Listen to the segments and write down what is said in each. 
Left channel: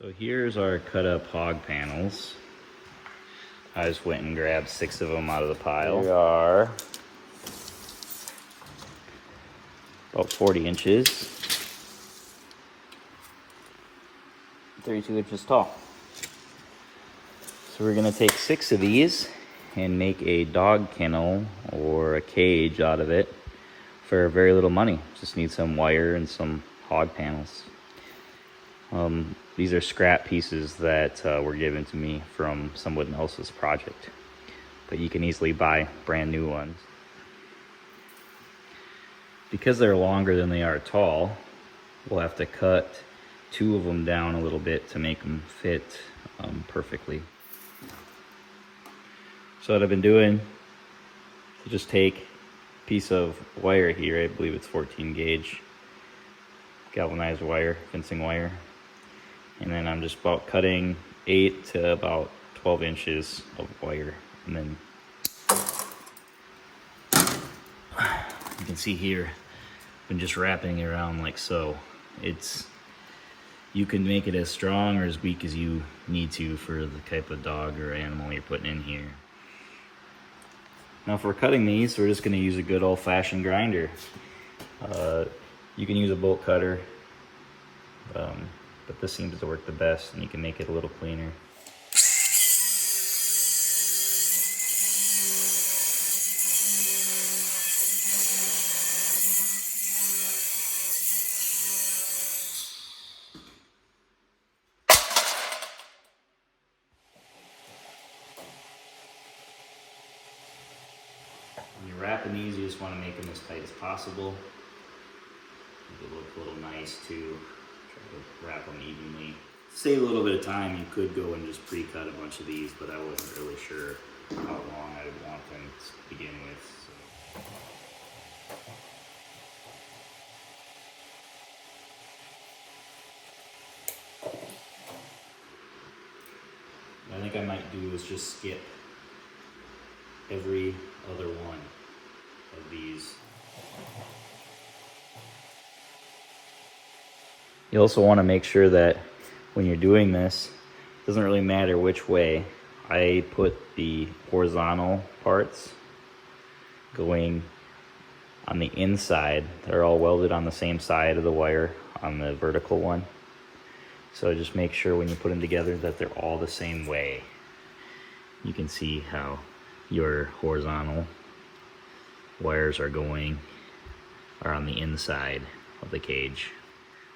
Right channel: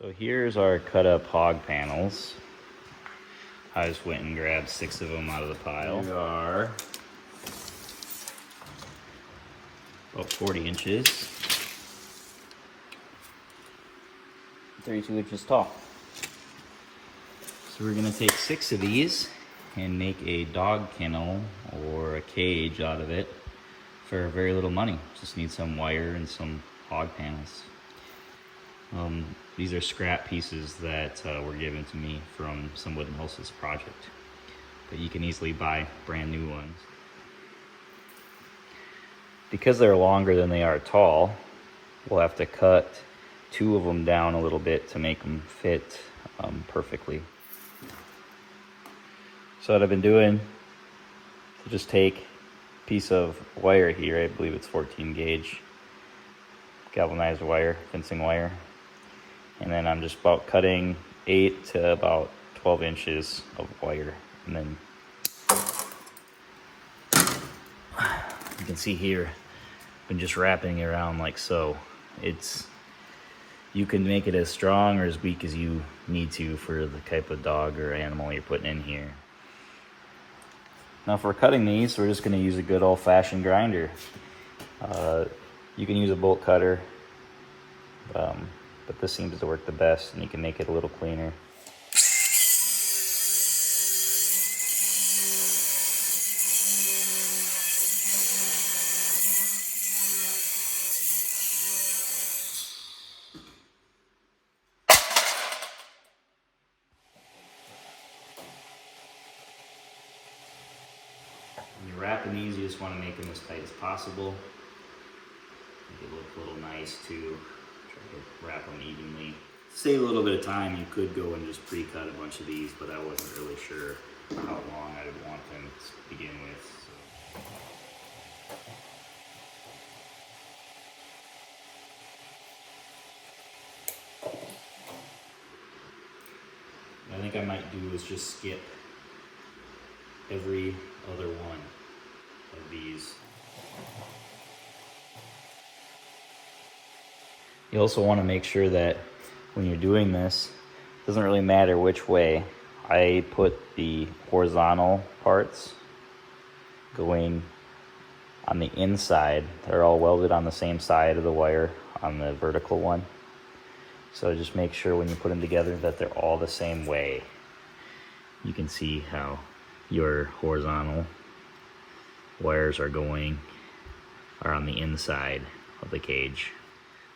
So here's our cut up hog panels. I just went and grabbed 6 of them out of the pile. They are about 40 inches, 32 inches tall. So we're gonna take 6 of these and make a dog kennel or a cage out of it for very little money. Just need some wire and some hog panels. These are scrap pieces that were given to me from someone else's project, but you can easily buy brand new ones. Because they're longer than they are tall, we'll have to cut 2 of them down a little bit to make them fit perfectly. So what I've been doing is just take a piece of wire here, I believe it's 14 gauge galvanized wire, fencing wire, and then I'm just about cutting 8 to about 12 inches of wire, and then you can see here I've been just wrapping it around like so. You can make it as strong or as weak as you need to for the type of dog or animal you're putting in here. Now for cutting these, we're just going to use a good old-fashioned grinder. You can use a bolt cutter, but this seems to work the best, and you can make it a little cleaner. When you're wrapping these, you just want to make them as tight as possible. Make it look a little nice too. Try to wrap them evenly. Save a little bit of time, you could go and just pre-cut a bunch of these, but I wasn't really sure how long I would want them to begin with. What I think I might do is just skip every other one of these. You also want to make sure that when you're doing this, it doesn't really matter which way. I put the horizontal parts going on the inside. They're all welded on the same side of the wire on the vertical one. So just make sure when you put them together that they're all the same way. You can see how your horizontal wires are on the inside of the cage.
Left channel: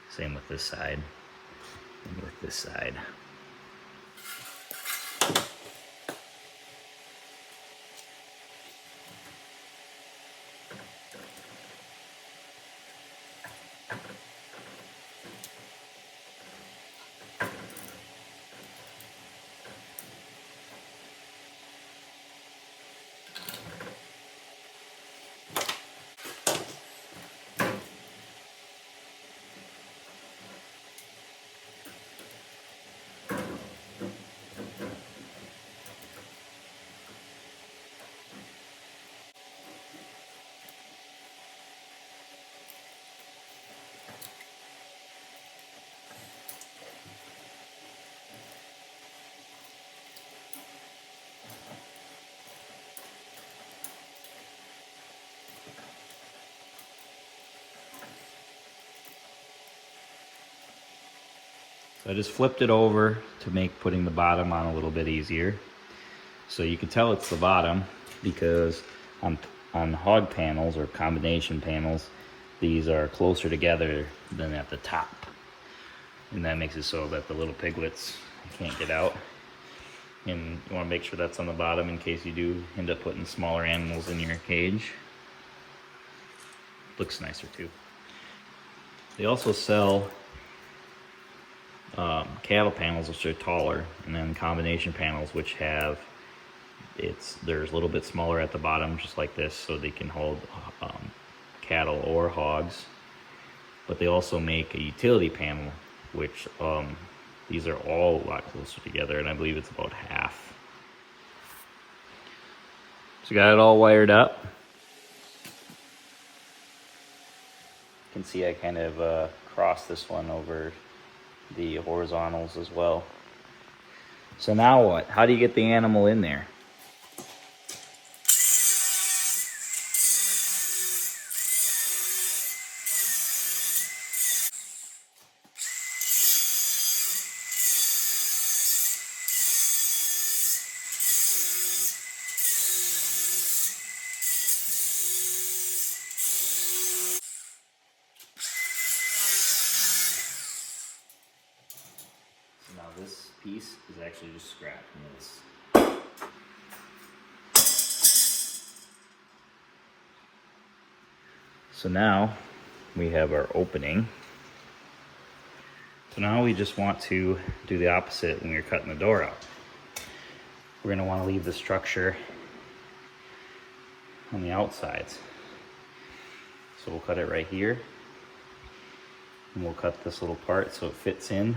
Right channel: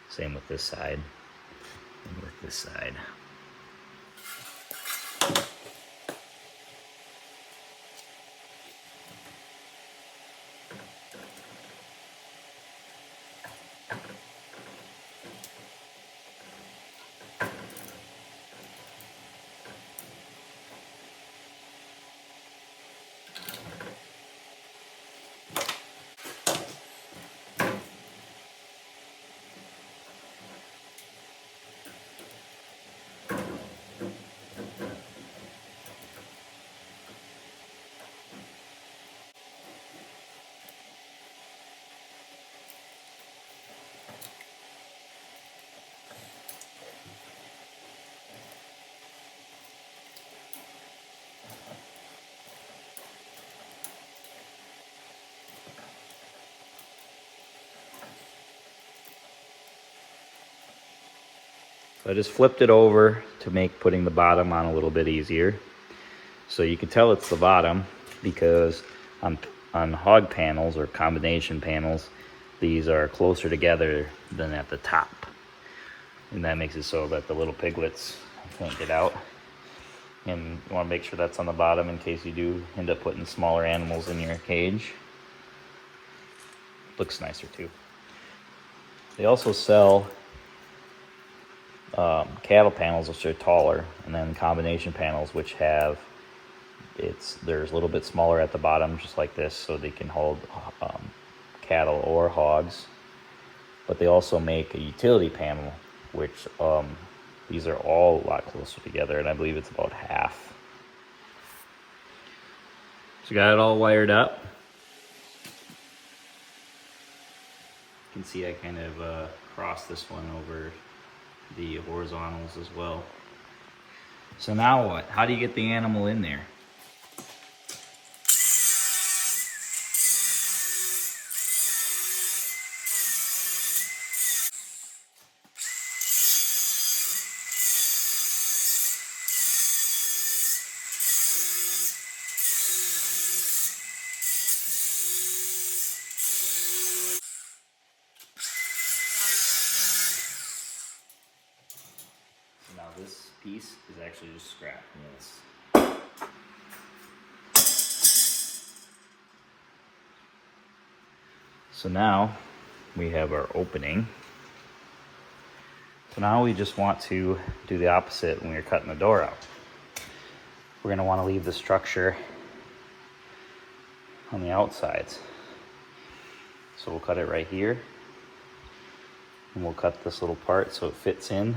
Same with this side and with this side. So I just flipped it over to make putting the bottom on a little bit easier. So you can tell it's the bottom because on hog panels or combination panels, these are closer together than at the top. And that makes it so that the little piglets can't get out. And you want to make sure that's on the bottom in case you do end up putting smaller animals in your cage. Looks nicer too. They also sell cattle panels which are taller, and then combination panels which have there's a little bit smaller at the bottom, just like this, so they can hold cattle or hogs. But they also make a utility panel, which these are all a lot closer together, and I believe it's about half. So got it all wired up. You can see I kind of crossed this one over the horizontals as well. So now what? How do you get the animal in there? Now this piece is actually just scrap from this. So now we have our opening. So now we just want to do the opposite when you're cutting the door out. We're going to want to leave the structure on the outsides. So we'll cut it right here. And we'll cut this little part so it fits in.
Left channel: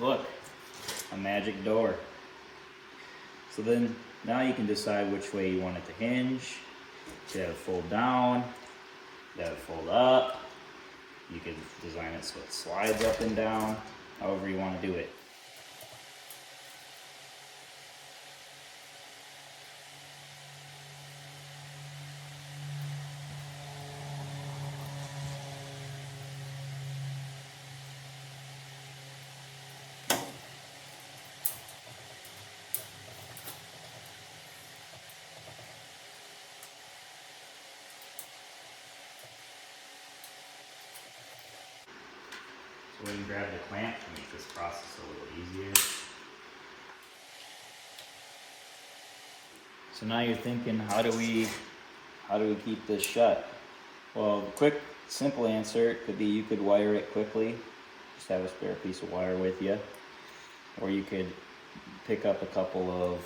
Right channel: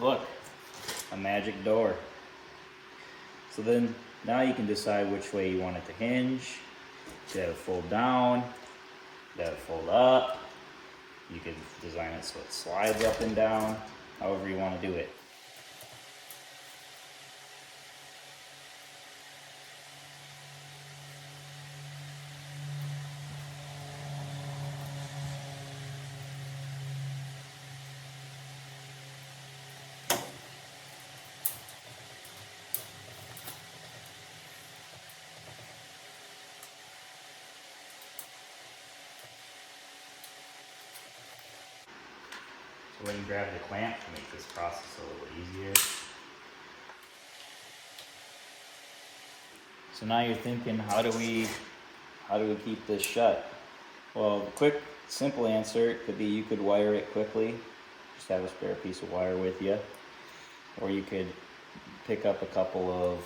Look, a magic door. So then now you can decide which way you want it to hinge. You have it fold down, you have it fold up. You can design it so it slides up and down, however you want to do it. So we can grab the clamp to make this process a little easier. So now you're thinking, how do we keep this shut? Well, quick, simple answer could be you could wire it quickly. Just have a spare piece of wire with you. Or you could pick up a couple of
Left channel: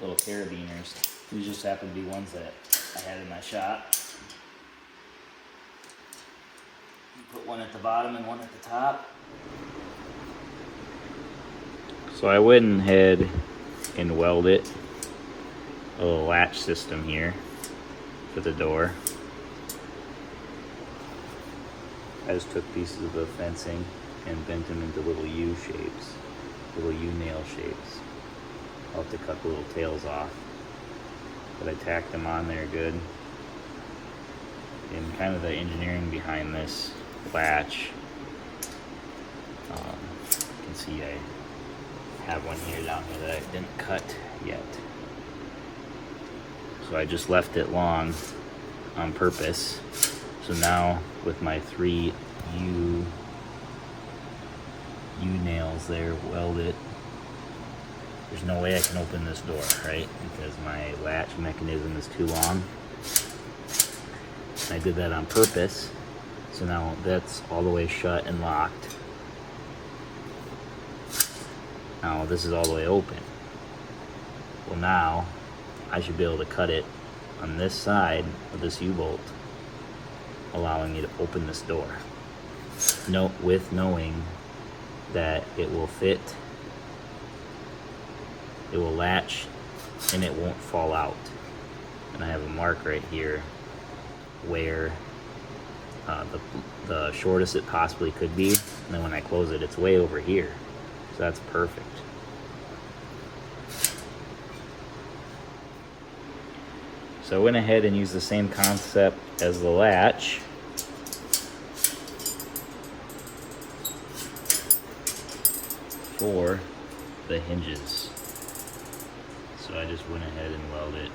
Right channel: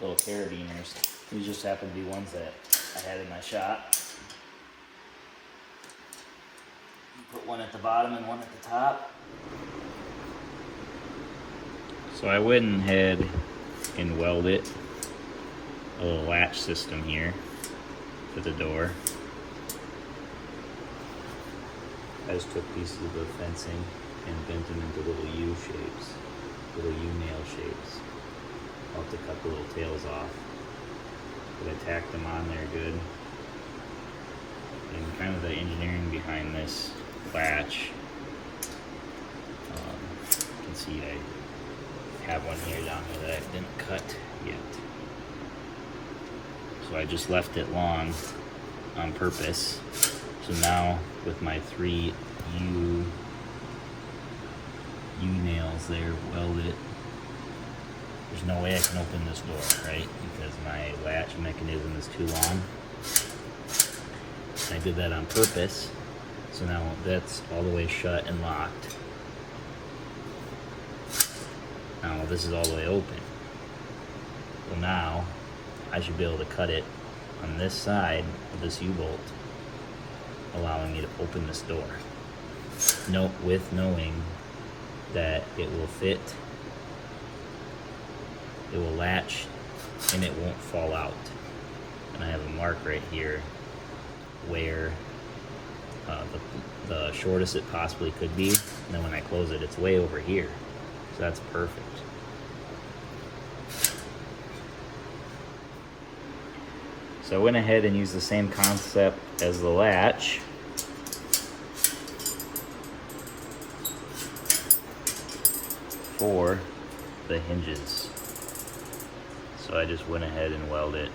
little carabiners. These just happen to be ones that I had in my shop. Put one at the bottom and one at the top. So I went ahead and welded a little latch system here for the door. I just took pieces of the fencing and bent them into little U shapes, little U nail shapes. I'll have to cut the little tails off, but I tacked them on there good. And kind of the engineering behind this latch. You can see I have one here down here that I didn't cut yet. So I just left it long on purpose. So now with my 3 U nails there welded, there's no way I can open this door, right? Because my latch mechanism is too long. I did that on purpose. So now that's all the way shut and locked. Now this is all the way open. Well, now I should be able to cut it on this side of this U-bolt, allowing me to open this door. With knowing that it will fit, it will latch, and it won't fall out. And I have a mark right here where the shortest it possibly could be, and then when I close it, it's way over here. So that's perfect. So I went ahead and used the same concept as the latch. for the hinges. So I just went ahead and welded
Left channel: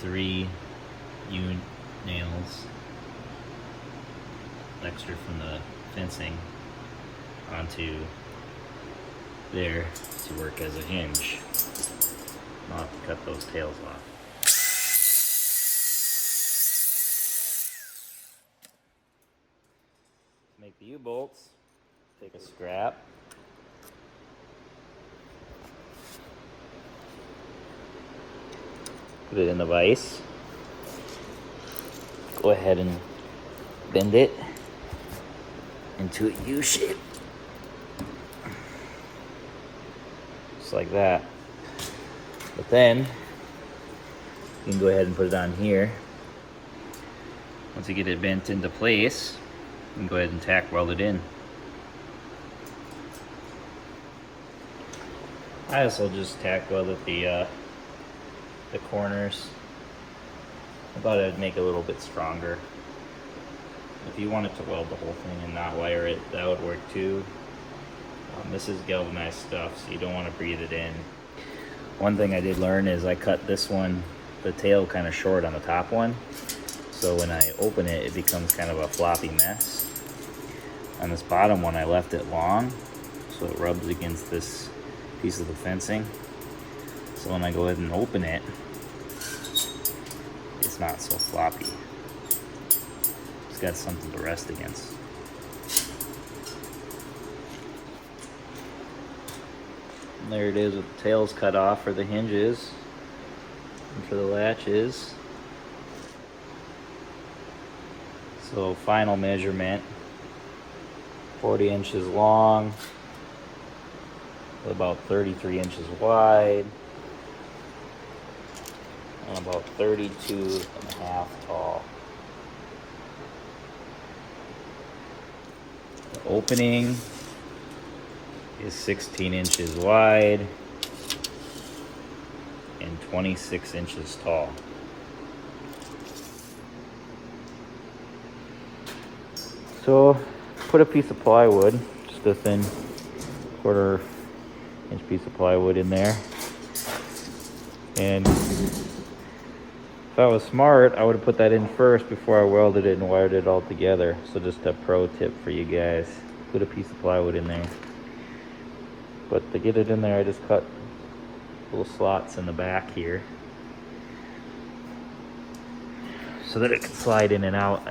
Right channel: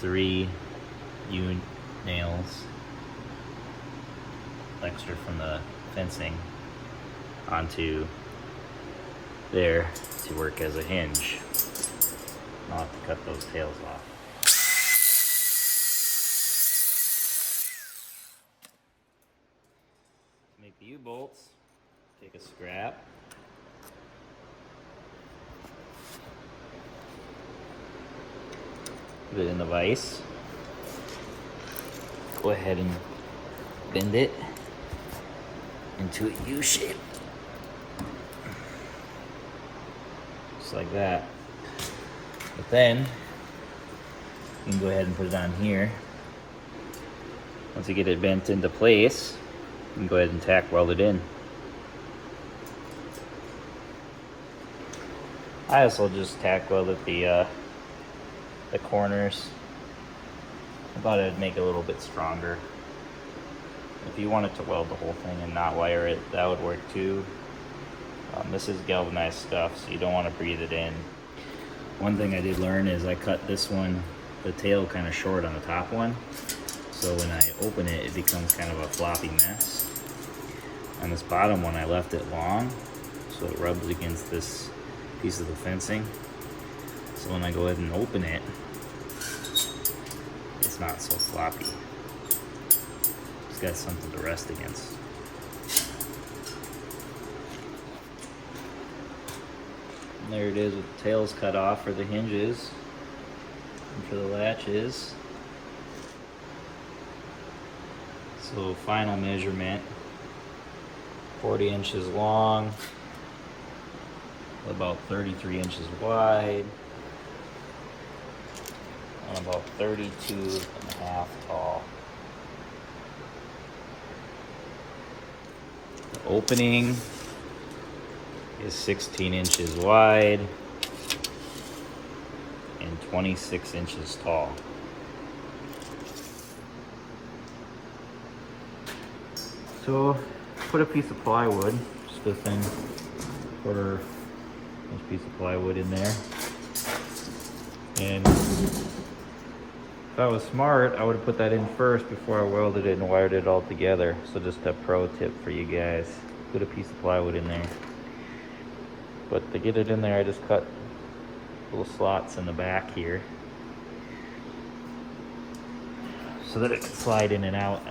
3 U-nails, extra from the fencing, onto there to work as a hinge. I'll have to cut those tails off. To make the U-bolts, take a scrap, put it in the vise, go ahead and bend it into a U shape, just like that. But then you can go ahead and put it on here. Once you get it bent into place, you can go ahead and tack weld it in. I also just tack welded the corners. I thought it'd make it a little bit stronger. If you wanted to weld the whole thing and not wire it, that would work too. This is galvanized stuff, so you don't want to breathe it in. One thing I did learn is I cut this one, the tail, kind of short on the top one. So when I open it, it becomes kind of a floppy mess. On this bottom one, I left it long, so it rubs against this piece of the fencing. So when I go ahead and open it, it's not so floppy. It's got something to rest against. And there it is with the tails cut off for the hinges and for the latches. So final measurement, 40 inches long, about 33 inches wide, and about 32 and a half tall. The opening is 16 inches wide and 26 inches tall. So put a piece of plywood, just a thin 1/4 inch piece of plywood in there. And if I was smart, I would have put that in first before I welded it and wired it all together. So just a pro tip for you guys, put a piece of plywood in there. But to get it in there, I just cut little slots in the back here so that it can slide in and out.